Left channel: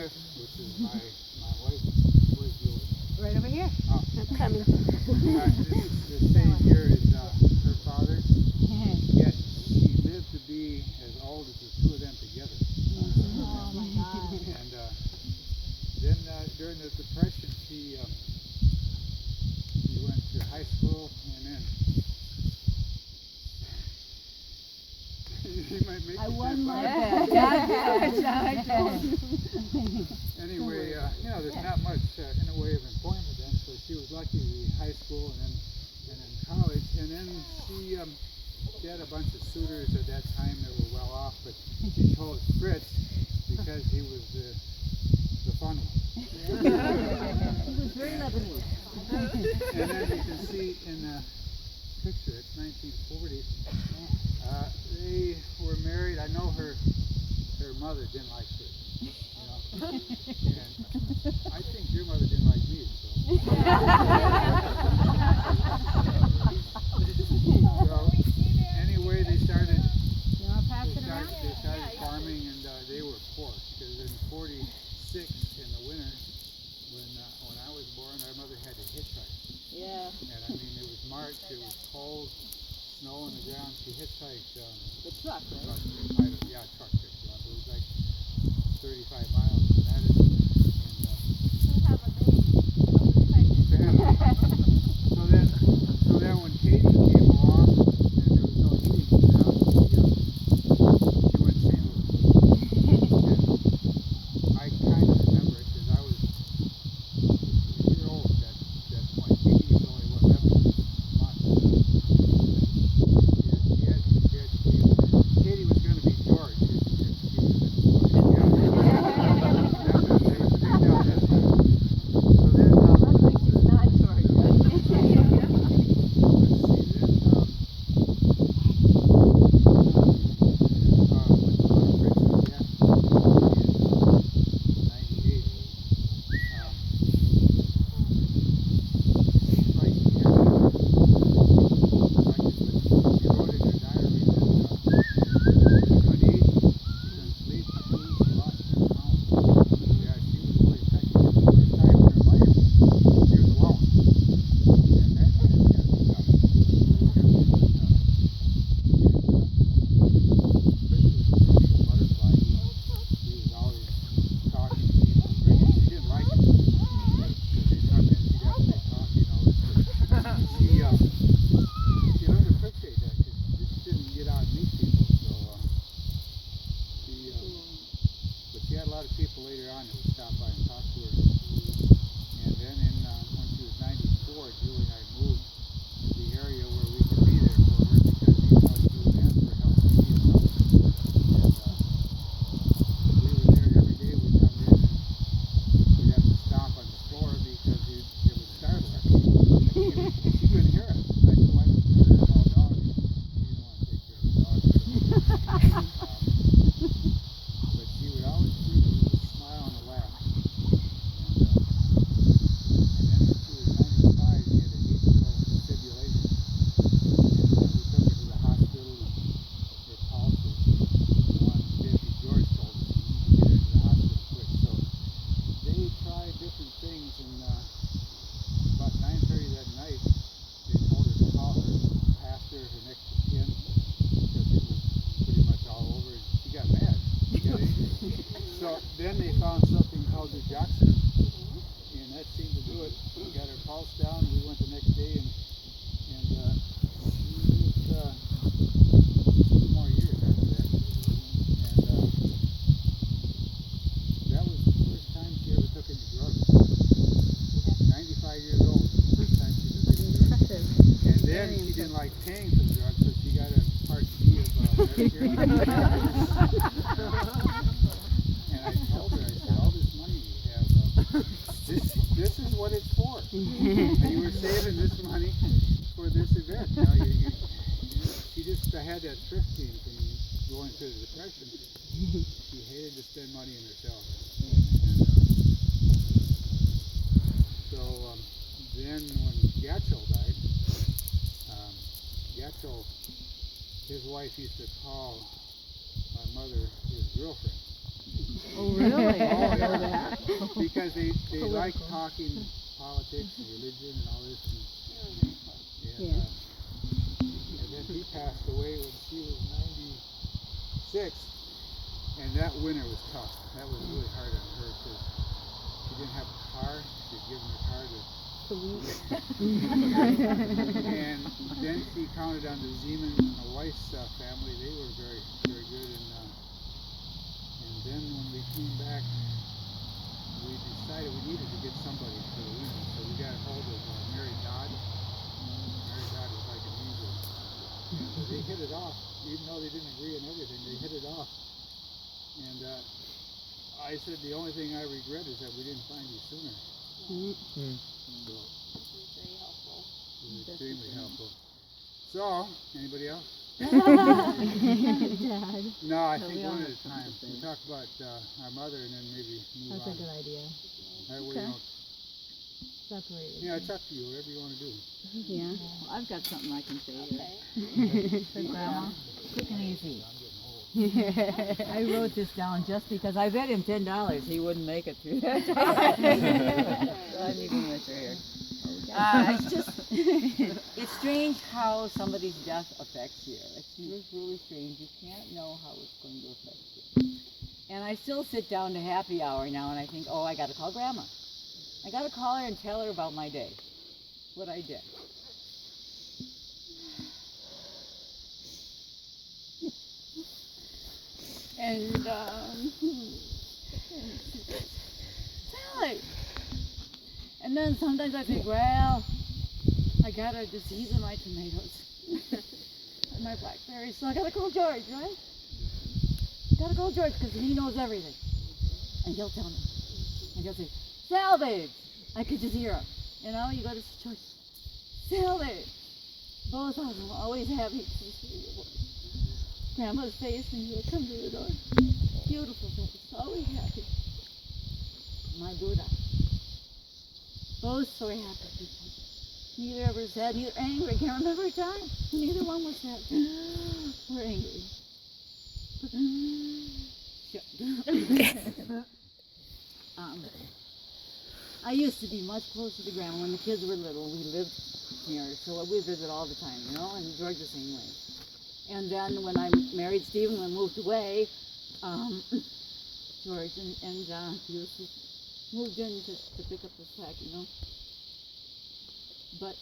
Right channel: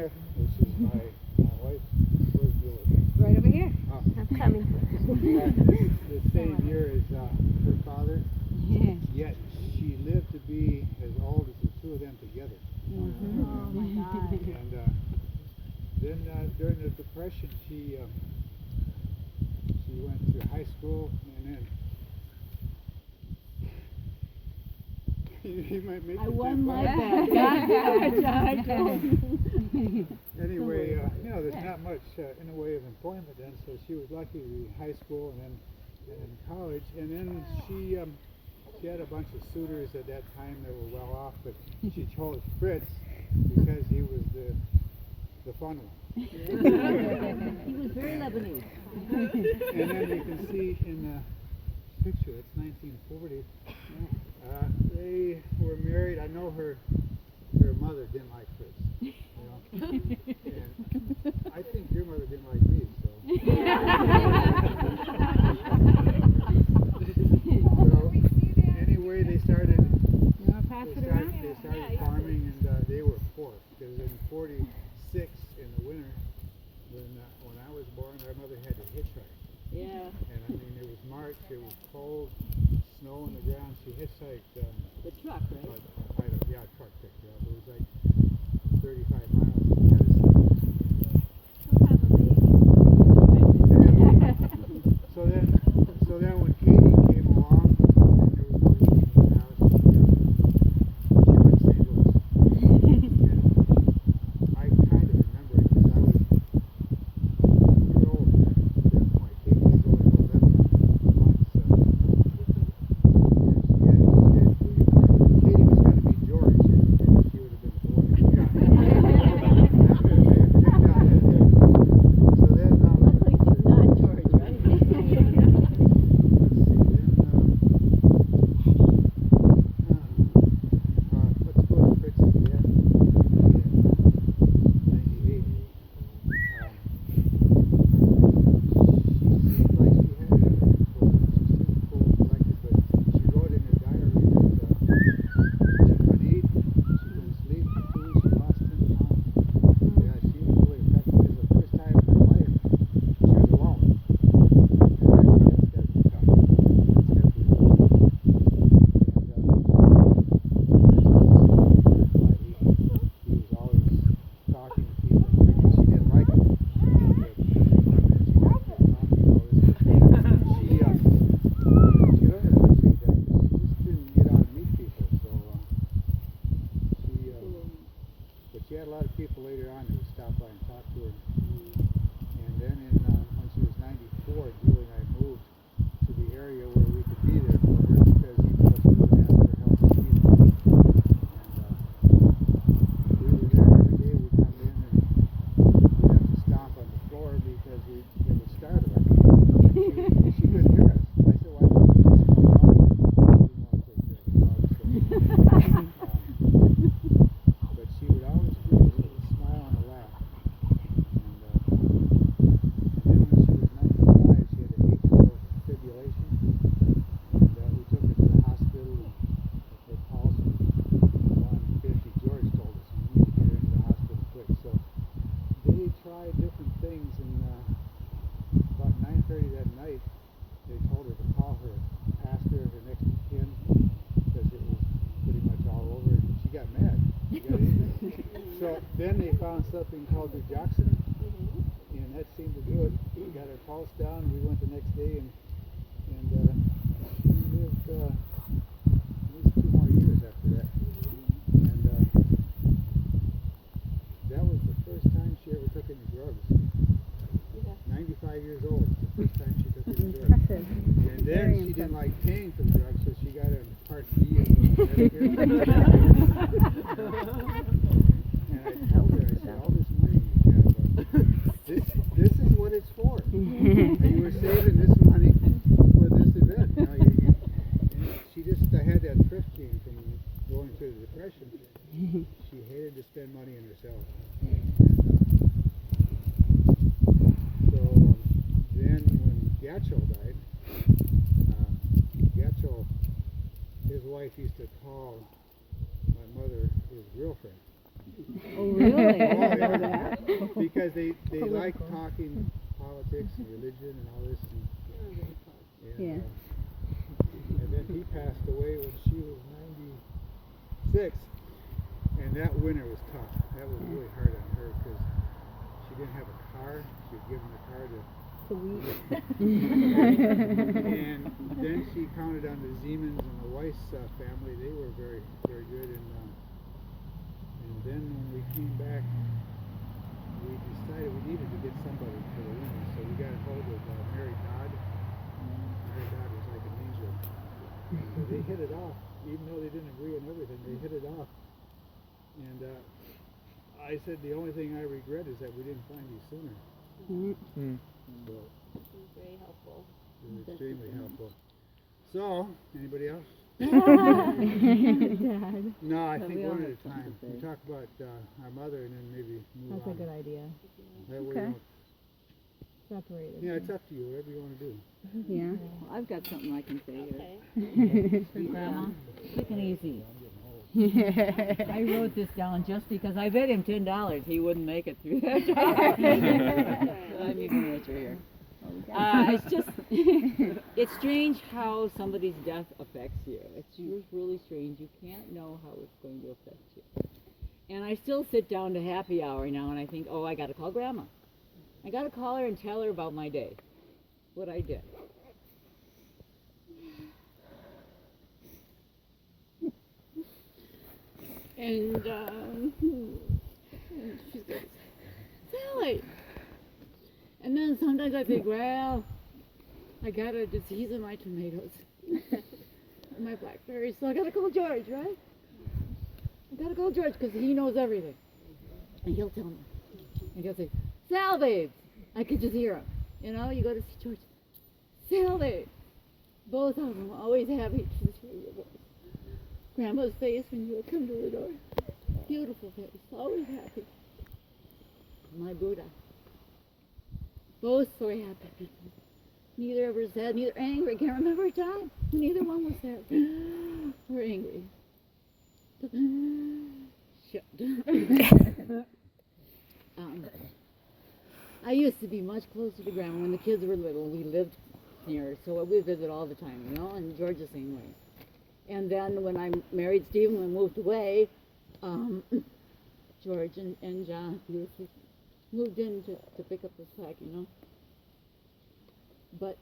Smith, which is my wife. Where's yours? Right over here. Oh. I'm coming. The same year as her father. Yet she lived to be as old as the two of them together. Mm-hmm. Oh my God. And then during the Depression, she went to high school, and then you might make I won my bet. Anyway, there's not much in the way of employment then, so she was lucky to be in high school and in college, and then she had a bunch of suitors at that time that were well off, but she chose Fritz because he was the fun one. He was very Lebanese. And then you can see in the picture, it's 1940. They were married. I know her mother didn't like Fritz. And I think your mother didn't like me, so. So anyway, they started farming, and they were poor because in '46 in the winter, when I was born, our mother had to hitchhike. Yeah. And I mean, it was March, it was cold, snow on the ground. She hitchhiked. The truck, right? Truck picked her up. It was like 35 miles from Madison. So then when Katie came along, and there was no heating in the house, she went to St. Louis. And I kind of remember it because I was a year old at that point. Katie was only 11 months. Katie was going to be George if she would have been born. She had a lot of people later on who would stop by and talk to her. And then when she was 94, Julie and I moved to the area where we could be there for her because even though she was asked for help, she needed help. And we were there every day. We'd come in and we'd have to stomp on the floor because it would startle her. She couldn't hear us. I said, why don't you hear us all the time? She didn't want to take care of the dog. But she would always smile and laugh. And then when she was 95, she had an atrial fibrillation. And we took her to the hospital, and her pulse was 150. George told us we need to get her to the hospital quick. So they tried different things, and about 9:30 that night, they told her to call her pastor, her next of kin, because it was pretty much all over, and she got mad. So then they found something called the Jackson, and that seemed to do it. We got her pulse down, and we went the next day, and she lived 2 more years after that. And that was the first time she ever took any drugs. 95 years old, the first time she took any drugs. Impressive. And then she didn't like paying for the drugs, so she got a Part B of Medicare. And I told her, I said, all this money you have, this is what it's for. And you were saving this money for this event. She just had that thrift game from going through the Depression. She hated to spend money on herself. So then when Gatchel died, his wife used to call my mother his girlfriend. Oh, really? Oh, I know yeah. that. Because they like Political. talking politics and religion and all this. And, Yeah. and then he passed away when she was 96. And that winter was tough. That was really hard on her because she didn't have a car. She was given a car to. And then she counted on the Zeman and the Weiss family. They were very, very good. And then when we came back, we decided we needed to get somebody for the women. So we got a hold of Mary Dodd. Mary Dodd was like an angel. So they hit it off, even though they didn't agree on everything. They hit it off. And I said the only thing I regret is that we didn't find you sooner. Mm. So Very helpful. it was extremely helpful. So, anybody else? Dad. No, I No, think we all one at have a time. something to We say. talk about our mother and then maybe move That's on. a good idea. That way Okay. you don't, Separated. yeah, it's up to you, whatever you want to do. Yeah. Well, I've got something I can say here. Okay. For Grandma. Quick and easy. I'm getting old. I wrote this down just because I bet him $10 he wouldn't make it through that. I need an answer here. It's just, it's strange how somebody's death affects you. It's just really strange. You can't know how it's going to affect you. And I still sit down to happy hour now and I think, oh, I got to call Grandma. I got to call her and tell her about my day, what I did. And Sally. And then sometimes I think, well, I got a disease in my tomatoes and my blackberries, so I gotta call George, right? I gotta call George because he knows everything. And he'll tell me. And he'll say, Sal, babe. I could just hear him. You know, you go to George, Sal, babe. Both of them always happy to hear your voice. Grandma's face when you would come to the door. Beautiful face, always happy. My Buddha. Both so happy people. Neither ever sad, neither angry. I can't remember a time when neither one was sad or angry. I used to be much closer to Grandma when the kids were little. We lived near her, so we visit all the time, you know, and George the same way. And then when I married Stephen and moved away, George and he moved in to pick up the slack, you know. But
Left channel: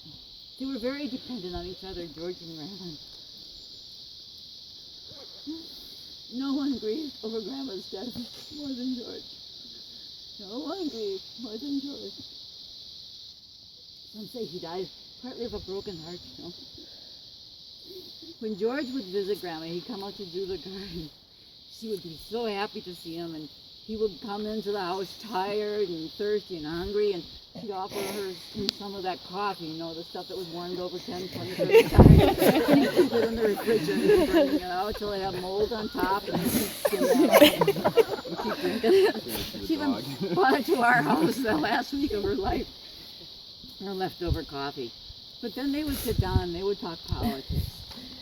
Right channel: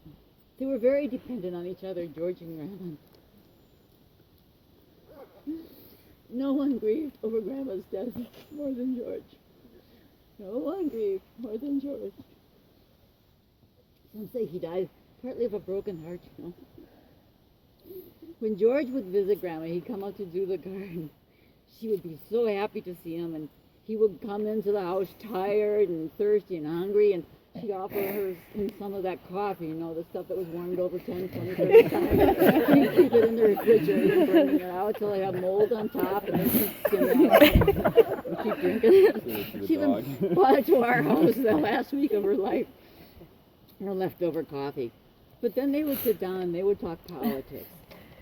they were very dependent on each other, George and Grandma. No one grieved over Grandma's death more than George. No one grieved more than George. Some say he died partly of a broken heart, you know. When George would visit Grandma, he'd come out to do the garden. She would be so happy to see him, and he would come into the house tired and thirsty and hungry, and he'd offer her some of that coffee, you know, the stuff that was warmed over 10, 20, 30 times. He'd keep it in the refrigerator, burning it out till it had mold on top, and then she'd skim it out and keep drinking it. She even brought it to our house the last week of her life, her leftover coffee. But then they would sit down and they would talk politics.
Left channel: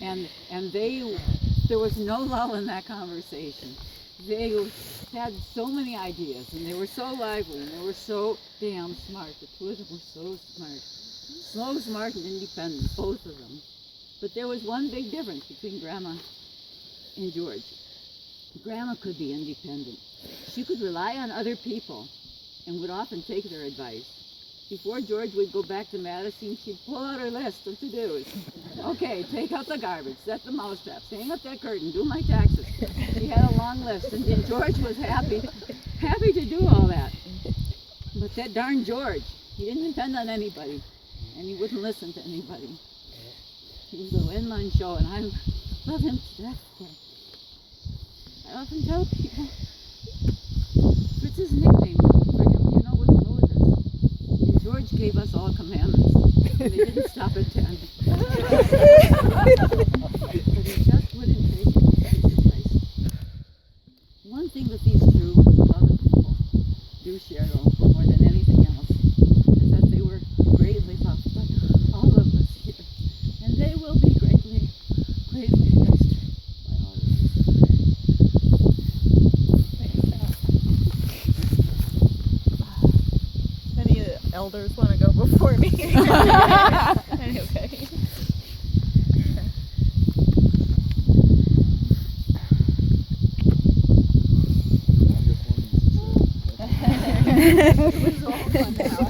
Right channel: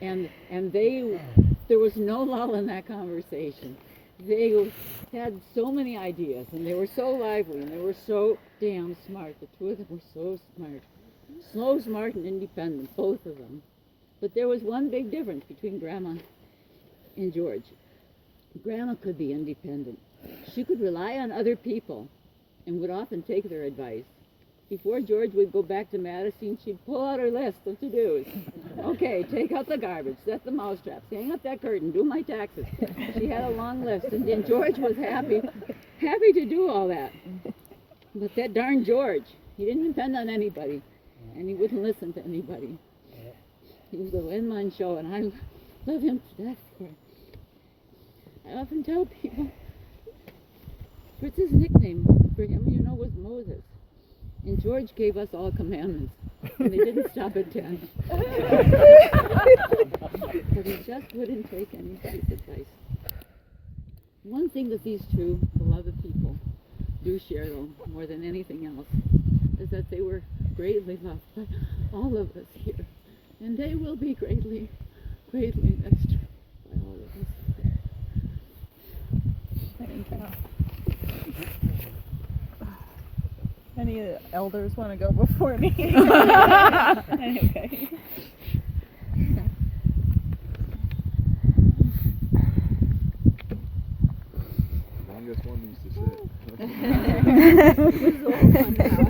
And there was no lull in that conversation. They had so many ideas, and they were so lively, and they were so damn smart. The two of them were so smart. So smart and independent, both of them. But there was one big difference between Grandma and George. Grandma could be independent. She could rely on other people and would often take their advice. Before George would go back to Madison, she'd pull out her list of to-dos. Okay, take out the garbage, set the mouse traps, hang up that curtain, do my taxes. She had a long list, and then George was happy to do all that. But that darn George, he didn't depend on anybody, and he wouldn't listen to anybody. He was a one-man show, and I love him to death. I often tell people, Fritz's nickname for him, you know, was Moses. And George gave us all commandments, and they didn't stop at 10. But he just wouldn't take any sacrifice. One thing that these two beloved people do share, though, more than anything else, is that they were greatly loved by all of us here. And they will be greatly, greatly missed by all of us. elders want to go before me. Anyway. I'm just one of these It was all fun now.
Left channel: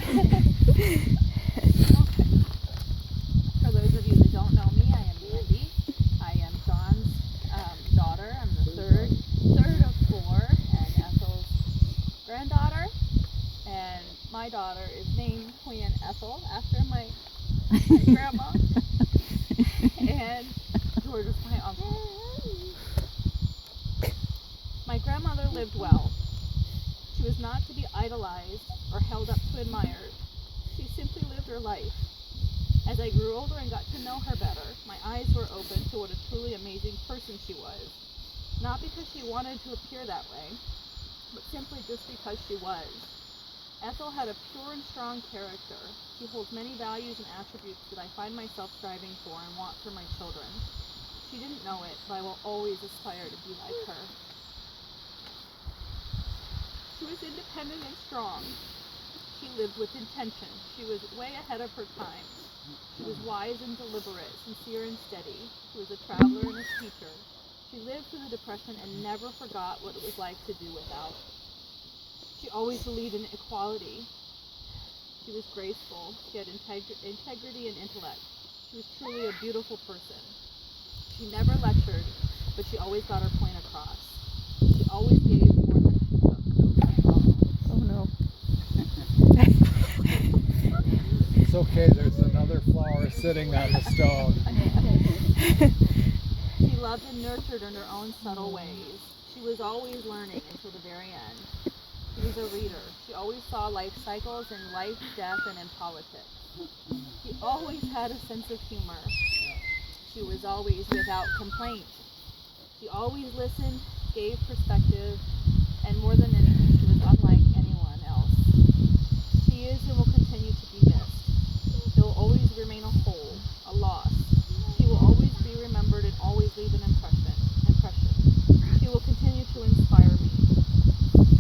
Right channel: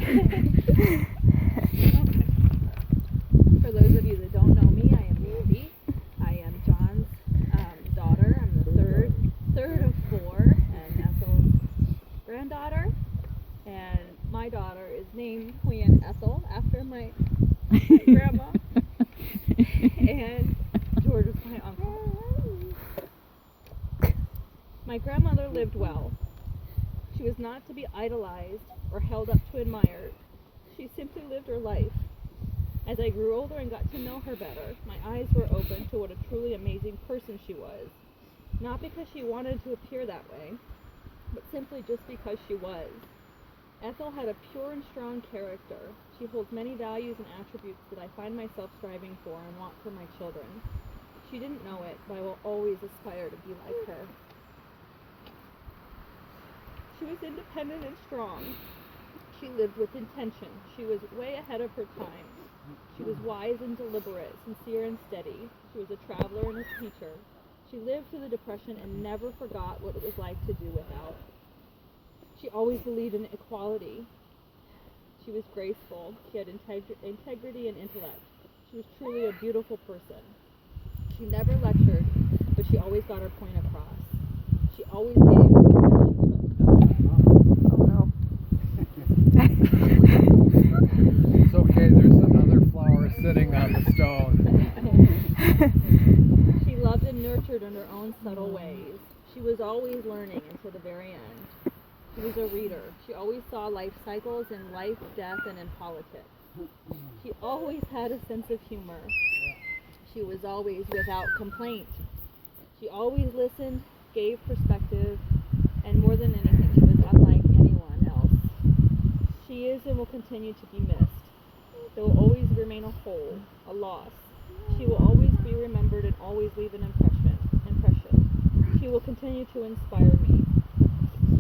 For those of you that don't know me, I am Mandy. I am John's daughter. I'm the third of four, and Ethel's granddaughter. And my daughter is named Queen Ethel after my grandma. And George is my uncle. My grandmother lived well. She was not to be idolized or held up to admire. She simply lived her life. As I grew older and got to know her better, my eyes were open to what a truly amazing person she was. Not because she wanted to appear that way, but simply just because she was. Ethel had a pure and strong character. She holds many values and attributes that I find myself striving for and want for my children. She didn't know it, but I will always aspire to be like her. She was independent and strong. She lived with intention. She was way ahead of her time. She was wise and deliberate, sincere and steady. She was a traveler and a teacher. She lived through the Depression and never forgot what it was like to do without. She always believed in equality. She was graceful. She had integrity and intellect. She was truly a beautiful person. She never lectured, but she always got her point across. She always gave. Oh no. It's okay, there's another flower sitting on the stone. She loved and nurtured in her own subtle ways. She was always learning until the very end. She was a reader. She always saw life cycles in life, death, and in politics. She always had a sense of humor. She was always without complaint. She always listened, gave perspective, and more than anything, was unlike anyone else. She is and will continue to be missed. There will always remain a hole, a loss. She will always be remembered and always leave an impression. She will continue to inspire me.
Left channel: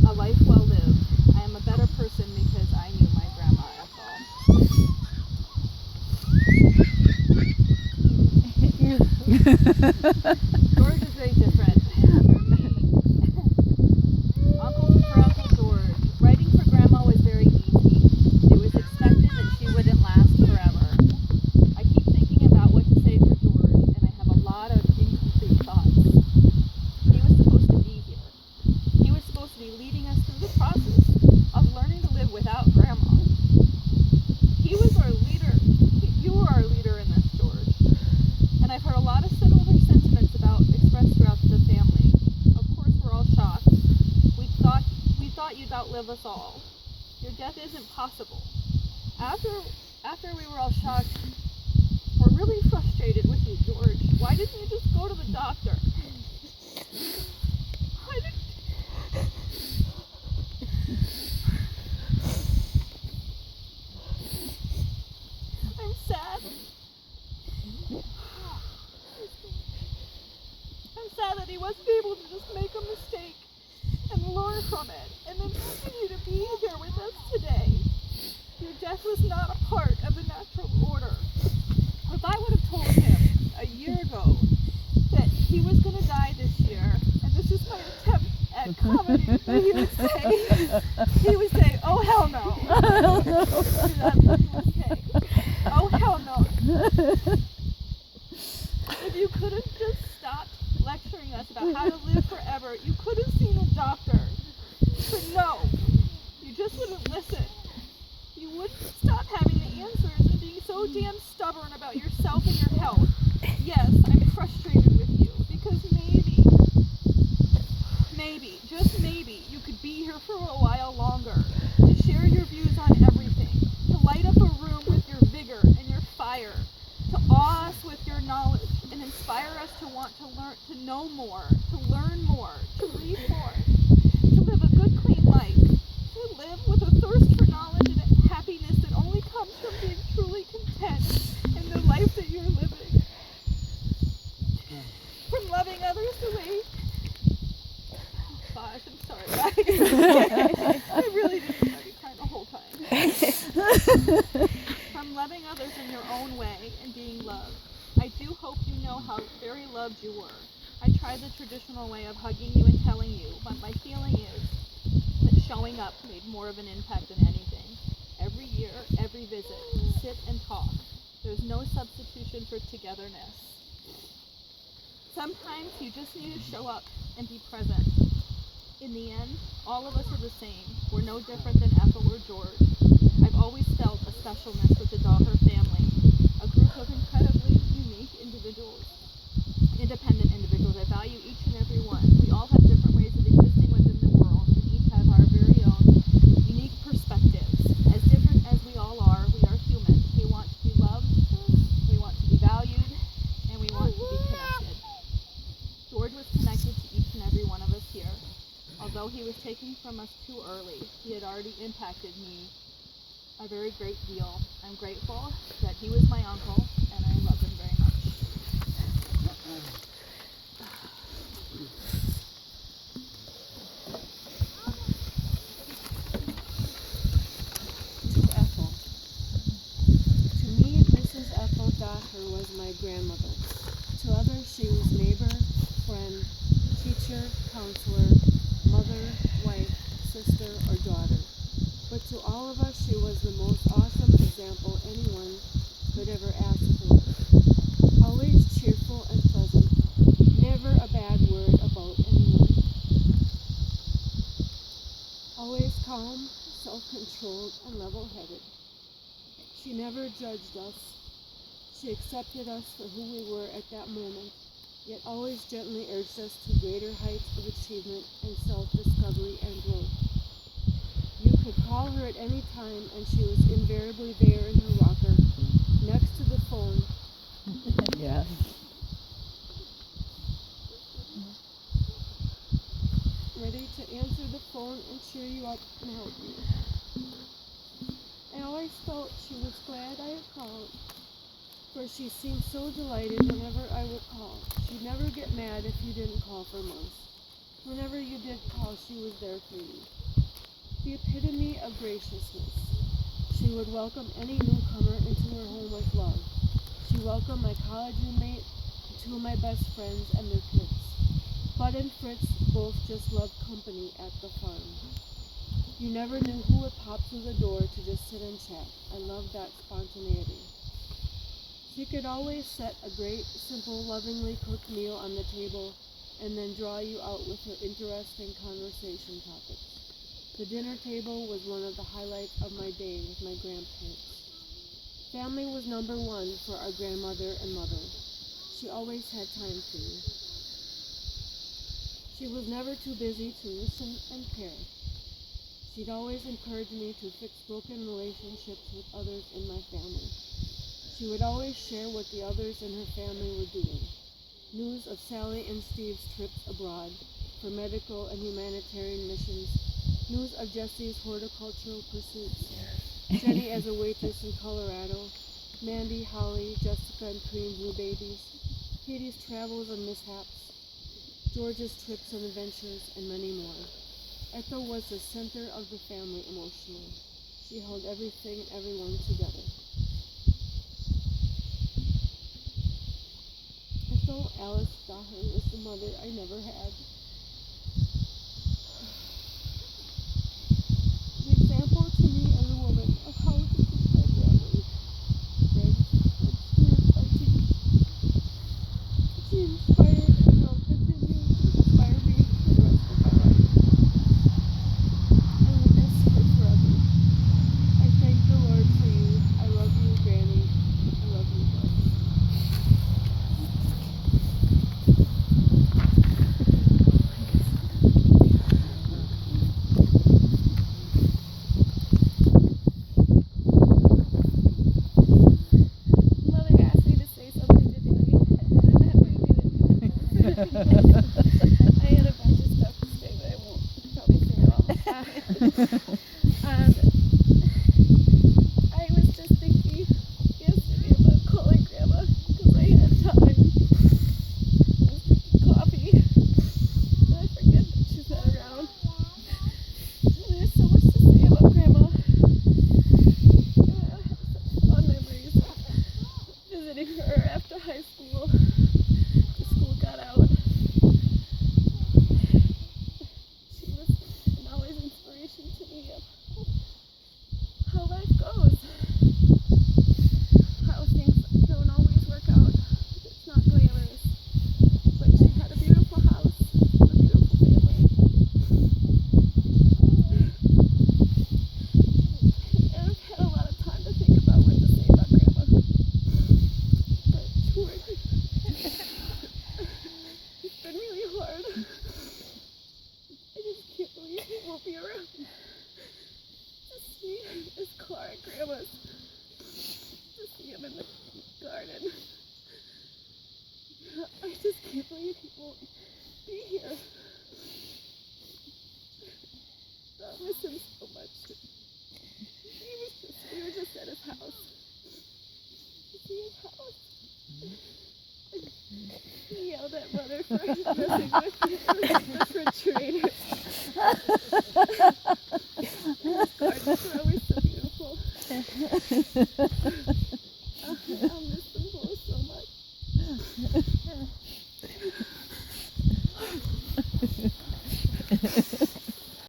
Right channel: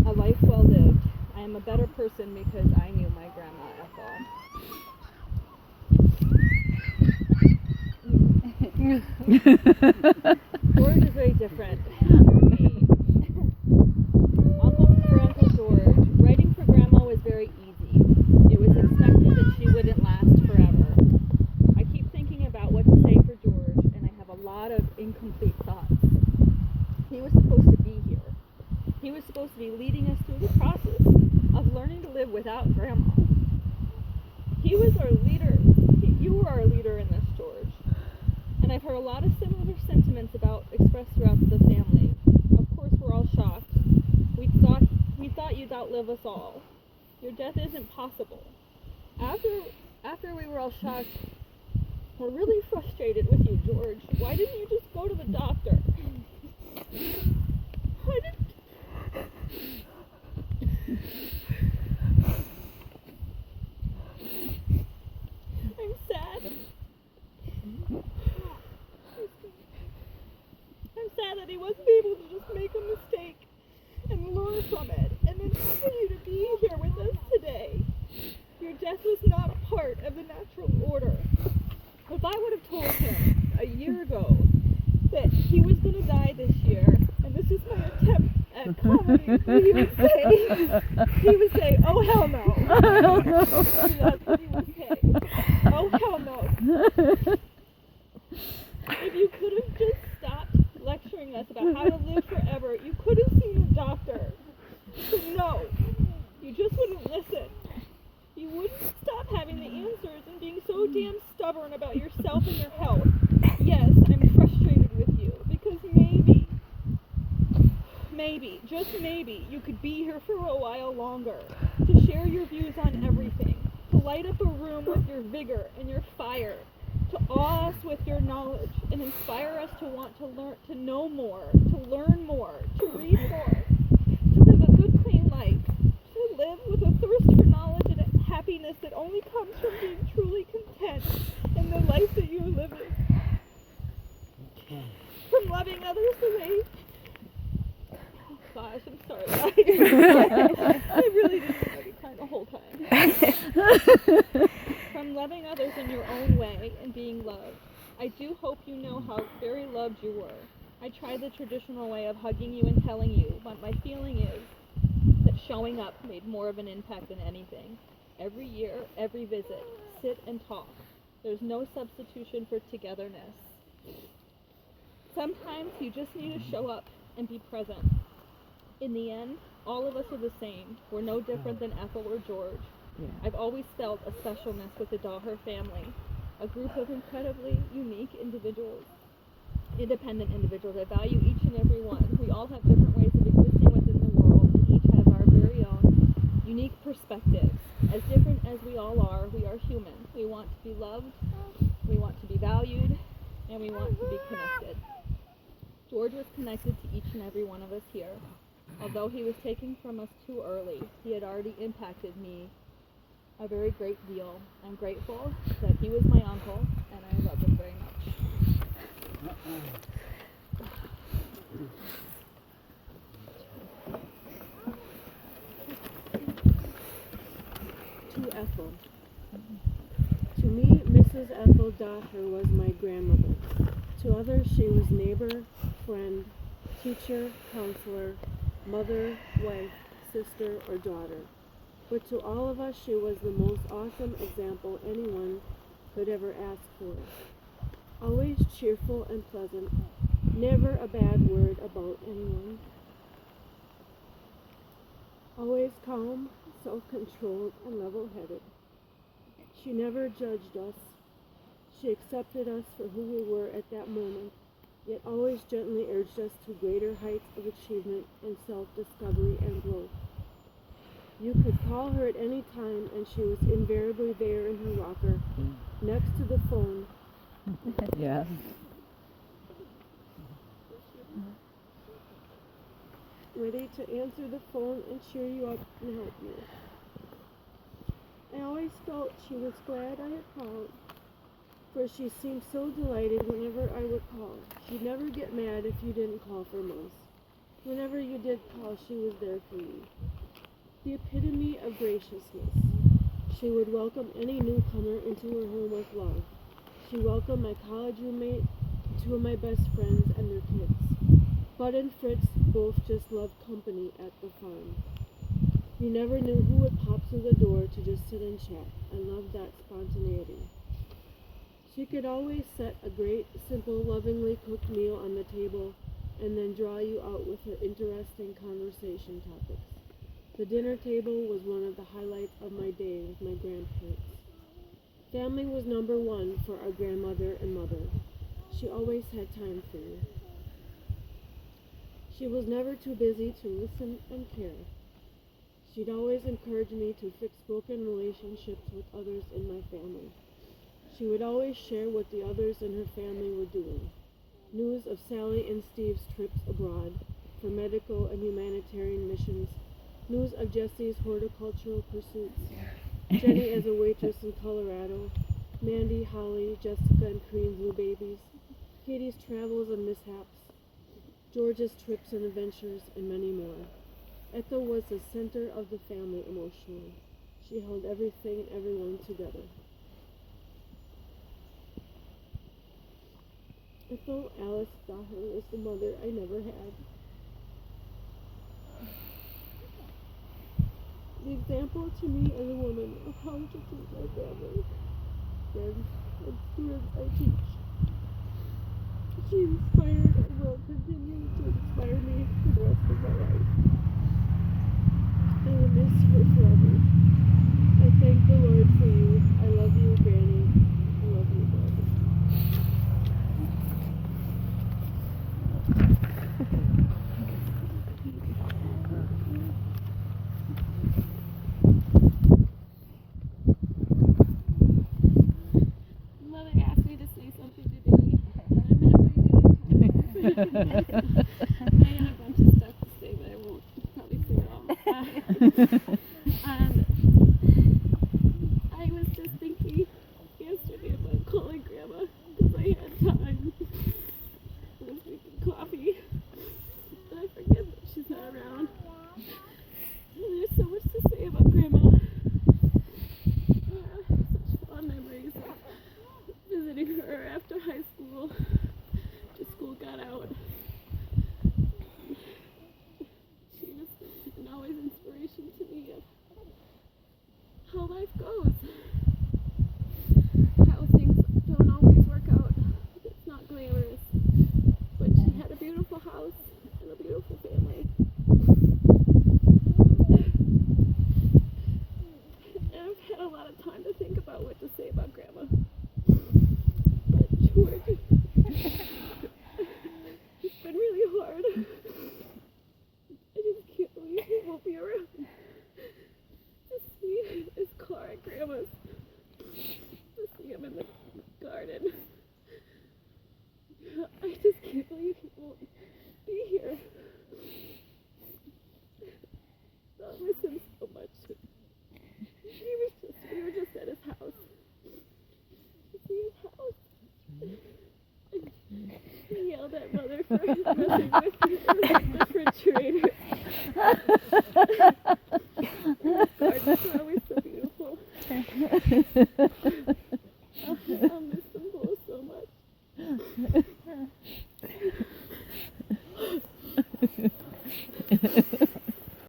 A life well lived. I am a better person because I knew my grandma Ethel. George is very different. For Uncle George, writing for Grandma was very easy. It was expected that she wouldn't last forever. I keep thinking about what to say for George, and I have a lot of incomplete thoughts. He was supposed to be here. He was supposed to be leading us through the process of learning to live without Grandma. He was our leader. You were our leader in this, George. And I've heard a lot of similar sentiments expressed throughout the family. Of course, we're all shocked. We thought you'd outlive us all. Your death isn't possible. After we were all shocked, we're really frustrated with you, George. Why didn't you just go to the doctor? Why didn't... I'm sad. I'm sad that he wasn't able to just make a mistake and learn from it, and then continue to be here with us today. Your death was not a part of the natural order. If I would have told him a year ago that he was going to die this year, and this is my attempt at comedy, he would say, oh hell no. That's what he would say. Oh hell no. If you could have just stopped lecturing us about how to live forever, you could have seen a doctor. But no, you just wouldn't listen. You wouldn't stop having the answers and being so damn stubborn about yourself and your health. Yes, I'm frustrated with you because maybe, just maybe, you could be here for a while longer to share your views on everything, to light up a room with your vigor and your fire, to awe us with your knowledge and inspire us to want to learn, to know more, to learn more, to read more, to live a good, clean life, to live with a thirst for knowledge and happiness that only comes from being truly content in the life that you're living. From loving others the way... Oh gosh, I'm sorry. I really didn't want to be crying the whole time. From loving others in your own way and being loved, I do hope you know how very loved you were. I tried the traditional way of hugging you and telling you, but my feeling is that showing up made more of an impact than anything. Every year, every visit, sit and talk. There's no substitution for togetherness. Sometimes you just need to show up and be present. In the end, all of us are the same. We're no different than Ethel or George. I've always felt a specialness with the Daher family, a group of incredibly unique individuals, independent individuals. I value each and every one. We all have different ways of existing within the world, and each have our very own unique perspectives. As different as we all are, we are human. We want to be loved, we want to be valued, and we want to be connected. George was connected to each and every one of us here. Although he was taken from us too early, he had already impacted me a very great deal. I'm grateful that he was my uncle, and I love him very much. To Ethel. To me, Mrs. Ethel Daher was my grandmother. To others, she was neighbor, friend, teacher, counselor, mother, wife, sister, or daughter. But to all of us, she was the most awesome example anyone could ever ask for. Always cheerful and pleasant, never a bad word about anyone. Always calm, self-controlled, and level-headed. She never judged us. She accepted us for who we were at that moment, yet always gently urged us to greater heights of achievement and self-discovery and growth. You could call her at any time, and she was invariably there in her locker, next to the phone. Yeah. Ready to answer the phone and cheer you up and help you. I always felt she was glad I had called, for she seemed so delighted whenever I would call. She'd never get mad if you didn't call for months. Whenever you did call, she was there for you. The epitome of graciousness. She would welcome any newcomer into her home with love. She welcomed my college roommate, two of my best friends, and their kids. Bud and Fritz both just loved company at the farm. You never knew who would pop through the door to just sit and chat. I loved that spontaneity. She could always set a great, simple, lovingly cooked meal on the table and then draw you out with her interesting conversation topics. The dinner table was one of the highlights of my day with my grandparents. Family was number one for our grandmother and mother. She always had time for you. She was never too busy to listen and care. She'd always encourage me to fix broken relationships with others in my family. She would always share what the others in her family were doing. News of Sally and Steve's trips abroad for medical and humanitarian missions. News of Jesse's horticultural pursuits. Jenny as a waitress in Colorado. Mandy, Holly, Jessica, and Cream blue babies. Katie's travels and mishaps. George's trips and adventures, and many more. Ethel was the center of the family emotionally. She held everything and everyone together. Ethel Alice Daher was the mother I never had. An example to me as a woman of how to treat my family, friends, and students I teach. She inspired and will continue to inspire me for the rest of my life. I will miss her forever. I thank the Lord for you. I love you, Granny. I love you, Dad. Mother asked me to say something today, and as I did, I had a bunch of stuff to say, but I won't probably say it all. I was just thinking yesterday about calling Grandma because I had time. I was drinking coffee, and I forget that she's not around. And there's so much to say about Grandma. Sorry.